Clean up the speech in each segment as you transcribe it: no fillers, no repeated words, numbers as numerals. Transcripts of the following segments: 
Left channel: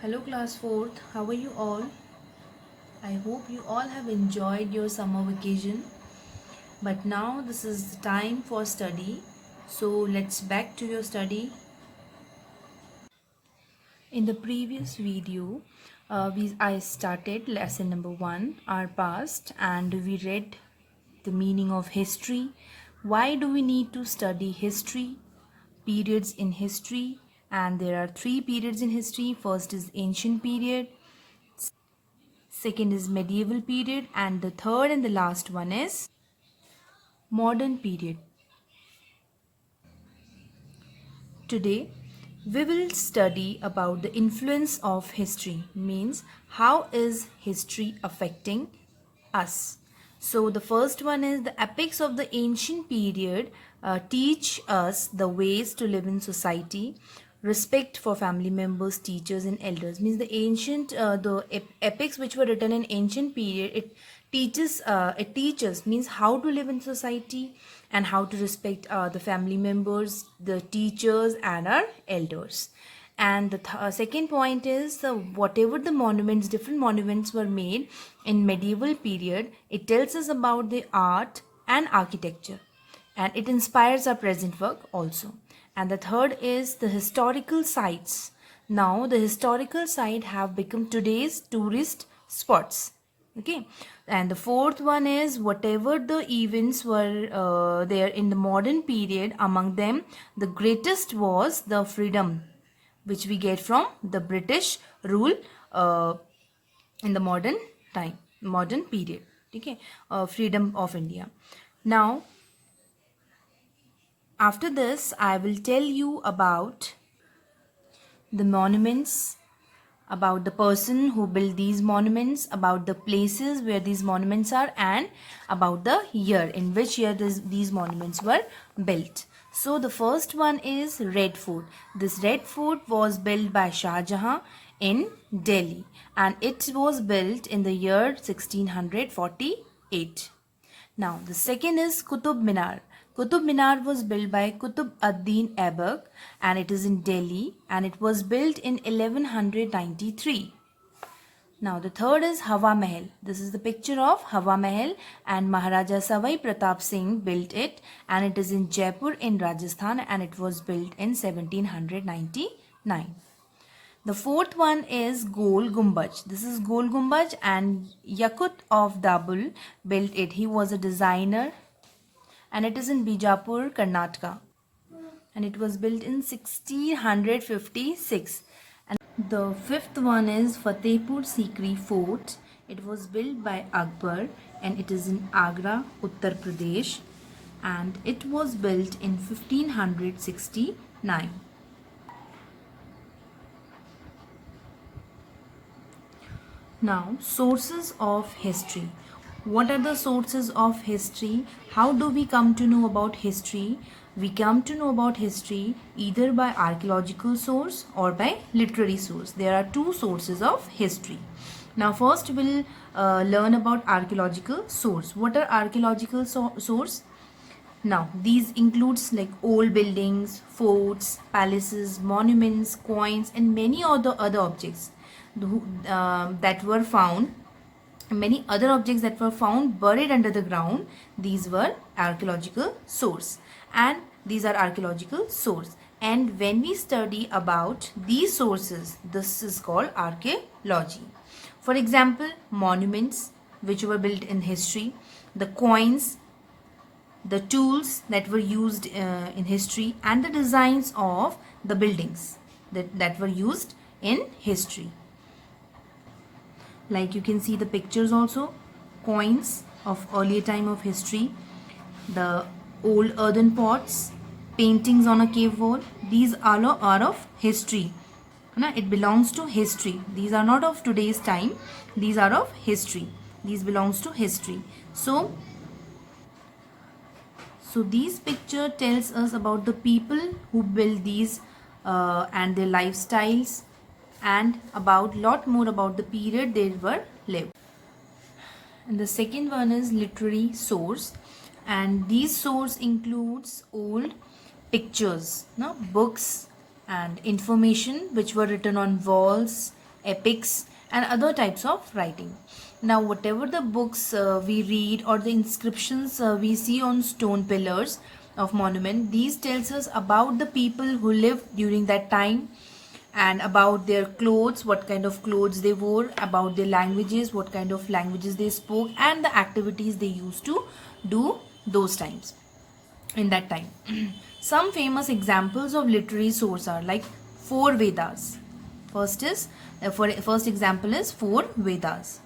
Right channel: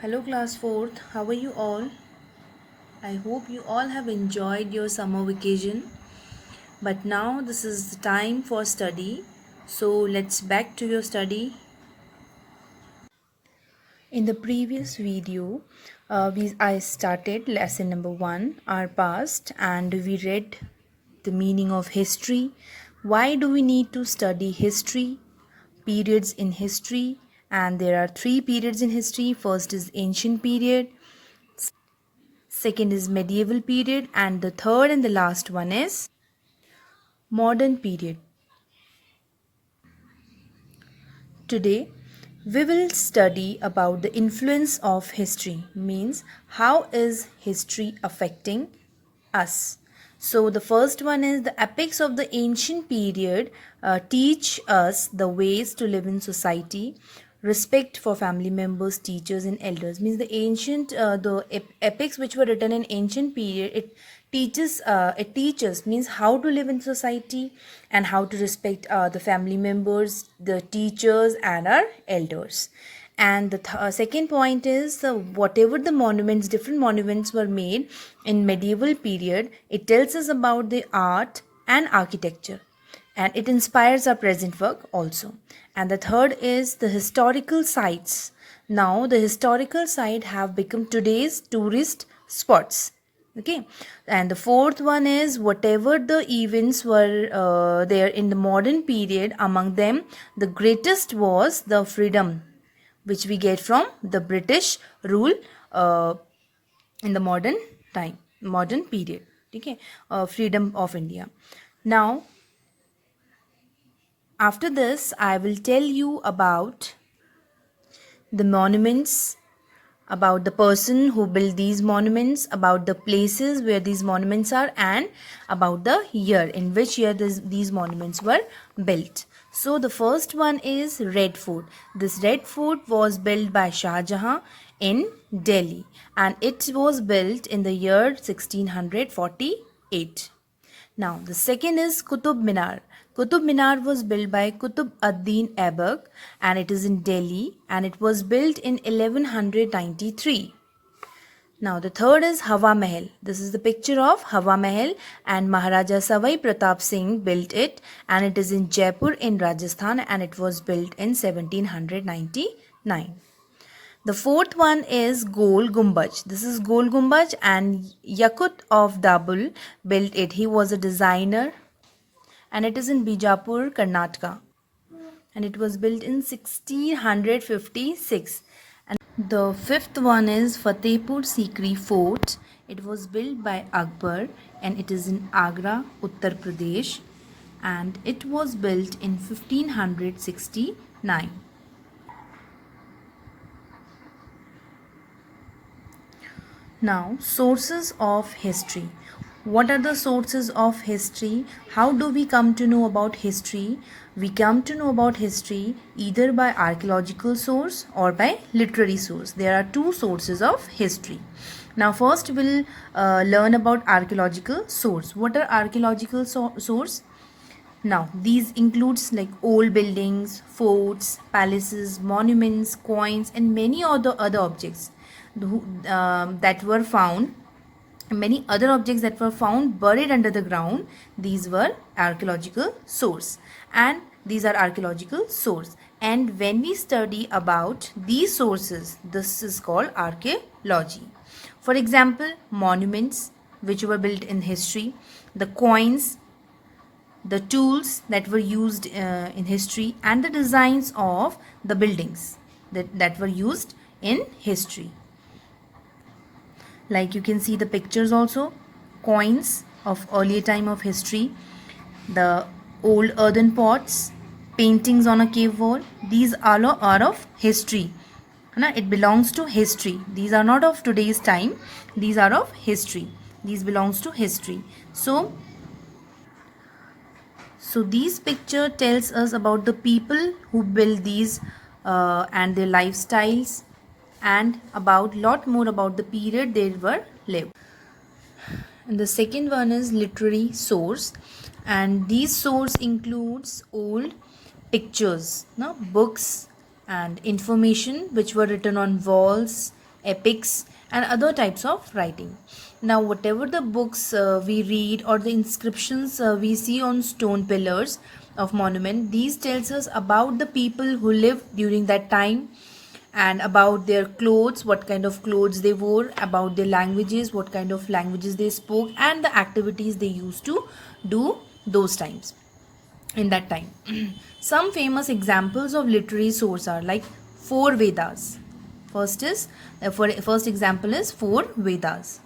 Hello class 4th, how are you all? I hope you all have enjoyed your summer vacation. But now this is the time for study. So let's back to your study. In the previous video, I started lesson number 1, our past, and we read the meaning of history. Why do we need to study history? Periods in history, and there are 3 periods in history. First is ancient period, second is medieval period, and the third and the last one is modern period. Today we will study about the influence of history, means how is history affecting us. So the first one is the epics of the ancient period teach us the ways to live in society. Respect for family members, teachers and elders, means the ancient epics which were written in ancient period, it teaches means how to live in society and how to respect the family members, the teachers and our elders. And the second point is whatever the monuments, different monuments were made in medieval period, it tells us about the art and architecture, and it inspires our present work also. And the third is the historical sites. Now the historical site have become today's tourist spots. Okay. And the fourth one is whatever the events were there in the modern period, among them the greatest was the freedom which we get from the British rule in the modern period. Okay. Freedom of India. Now after this I will tell you about the monuments, about the person who built these monuments, about the places where these monuments are, and about the year, in which year these monuments were built. So the first one is Red Fort. This Red Fort was built by Shah Jahan in Delhi, and it was built in the year 1648. Now, the second is Qutub Minar. Qutub Minar was built by Qutb ad-Din Aibak, and it is in Delhi, and it was built in 1193. Now, the third is Hawa Mahal. This is the picture of Hawa Mahal, and Maharaja Savai Pratap Singh built it, and it is in Jaipur in Rajasthan, and it was built in 1799. The fourth one is Gol Gumbaj. This is Gol Gumbaj, and Yakut of Dabul built it. He was a designer, and it is in Bijapur, Karnataka, and it was built in 1656. And the fifth one is Fatehpur Sikri Fort. It was built by Akbar, and it is in Agra, Uttar Pradesh, and it was built in 1569. Now, sources of history. What are the sources of history? How do we come to know about history? We come to know about history either by archaeological source or by literary source. There are two sources of history. Now, first we'll learn about archaeological source. What are archaeological source? Now, these includes like old buildings, forts, palaces, monuments, coins, and many other objects that were found. Many other objects that were found buried under the ground. These were archaeological source, and these are archaeological source. And when we study about these sources, this is called archaeology. For example, monuments which were built in history, the coins, the tools that were used in history, and the designs of the buildings that were used in history. Like you can see the pictures also, coins of earlier time of history, the old earthen pots, paintings on a cave wall. These are of history. It belongs to history. These are not of today's time. These are of history. These belongs to history. So these picture tells us about the people who built these and their lifestyles, and about lot more about the period they were lived. And the second one is literary source, and these source includes old pictures, books and information which were written on walls, epics, and other types of writing. Now, whatever the books we read or the inscriptions we see on stone pillars of monument, these tells us about the people who lived during that time, and about their clothes, what kind of clothes they wore, about their languages, what kind of languages they spoke, and the activities they used to do those times, in that time. Some famous examples of literary source are like four Vedas. First example is four Vedas.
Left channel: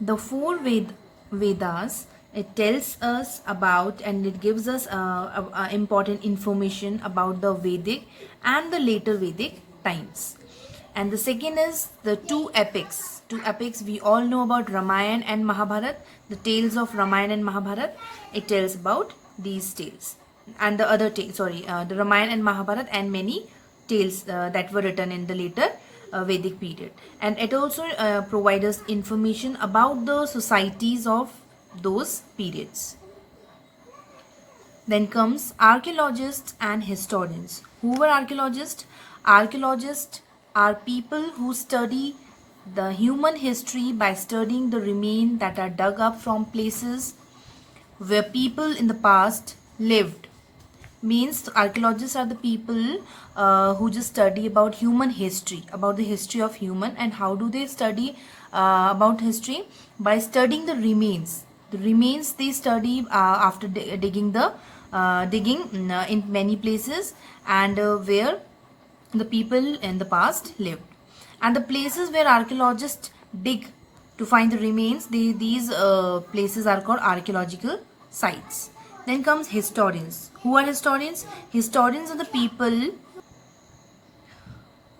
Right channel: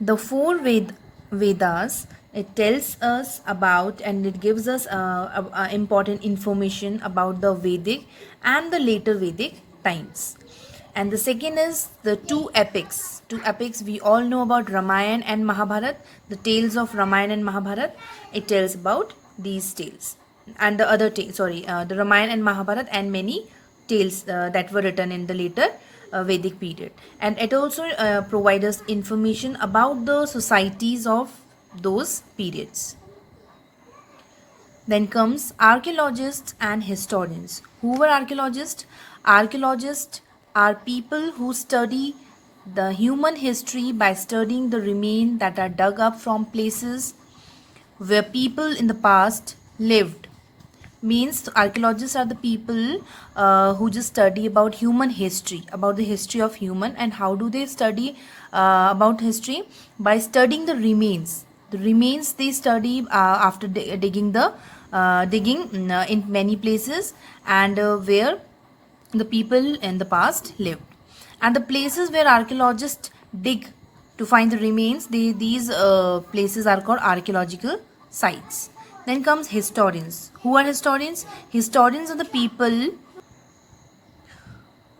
The four Vedas, it tells us about and it gives us important information about the Vedic and the later Vedic times. And the second is the two epics. Two epics we all know about, Ramayana and Mahabharata. The tales of Ramayana and Mahabharata, it tells about these tales. And the other tales, the Ramayana and Mahabharata and many tales that were written in the later Vedic period. And it also provides us information about the societies of those periods. Then comes archaeologists and historians. Who were archaeologists? Archaeologists are people who study the human history by studying the remains that are dug up from places where people in the past lived. Means archaeologists are the people who just study about human history, about the history of human. And how do they study about history? By studying the remains. The remains they study after digging in many places, and where the people in the past lived. And the places where archaeologists dig to find the remains, these places are called archaeological sites. Then comes historians. Who are historians? Historians are the people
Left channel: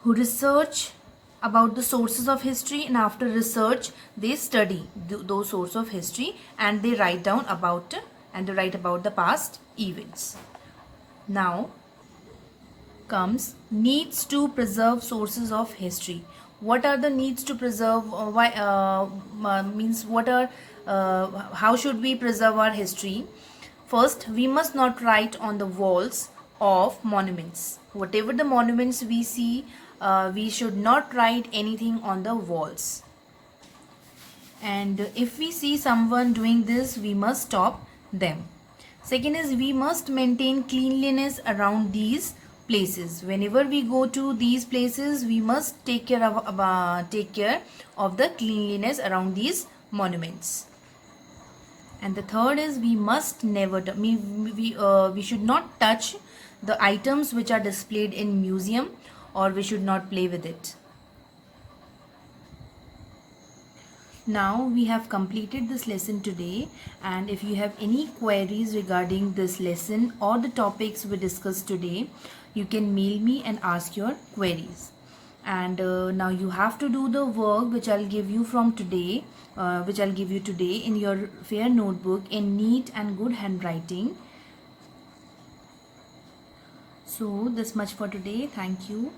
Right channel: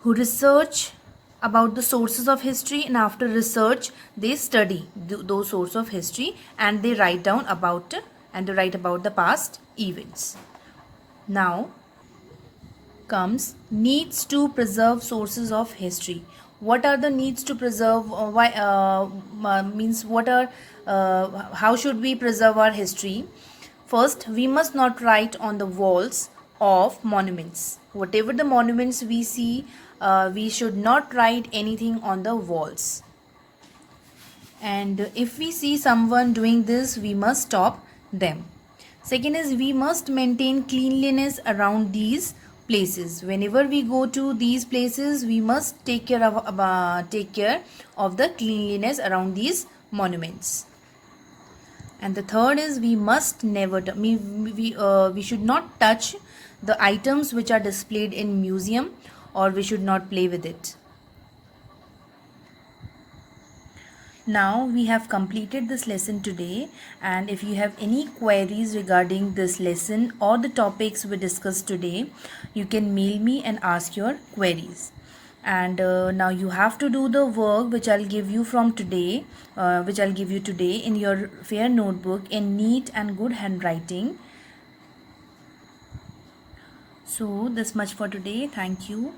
who research about the sources of history, and after research they study those sources of history, and they write down about the past events. Now comes needs to preserve sources of history. What are the needs to preserve? How should we preserve our history? First, we must not write on the walls of monuments. Whatever the monuments we see, we should not write anything on the walls. And if we see someone doing this, we must stop them. Second is, we must maintain cleanliness around these places. Whenever we go to these places, we must take care of the cleanliness around these monuments. And the third is, we must never we should not touch the items which are displayed in museum, or we should not play with it. Now we have completed this lesson today, and if you have any queries regarding this lesson or the topics we discussed today, you can mail me and ask your queries. And now you have to do the work which I'll give you today in your fair notebook in neat and good handwriting. So this much for today. Thank you.